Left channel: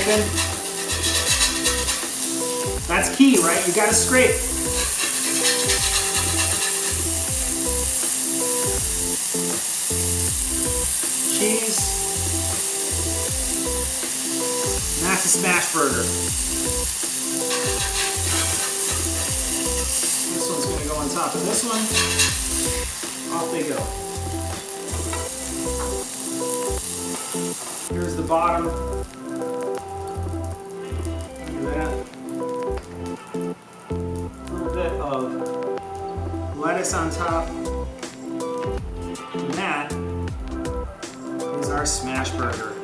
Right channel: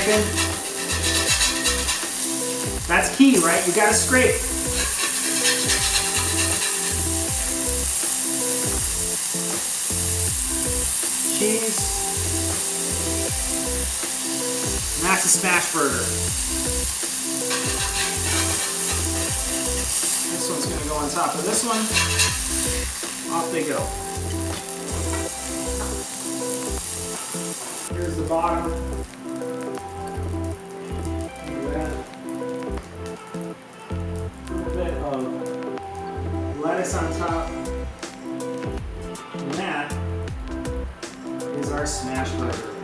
scraping. That's key, right? You gotta scrape. Cheese. And that's a smash burger. This one's gonna go on top of this one. Off they go. Here's the bottom. Look at that. A little bit of lettuce on top. And that is our smash burger.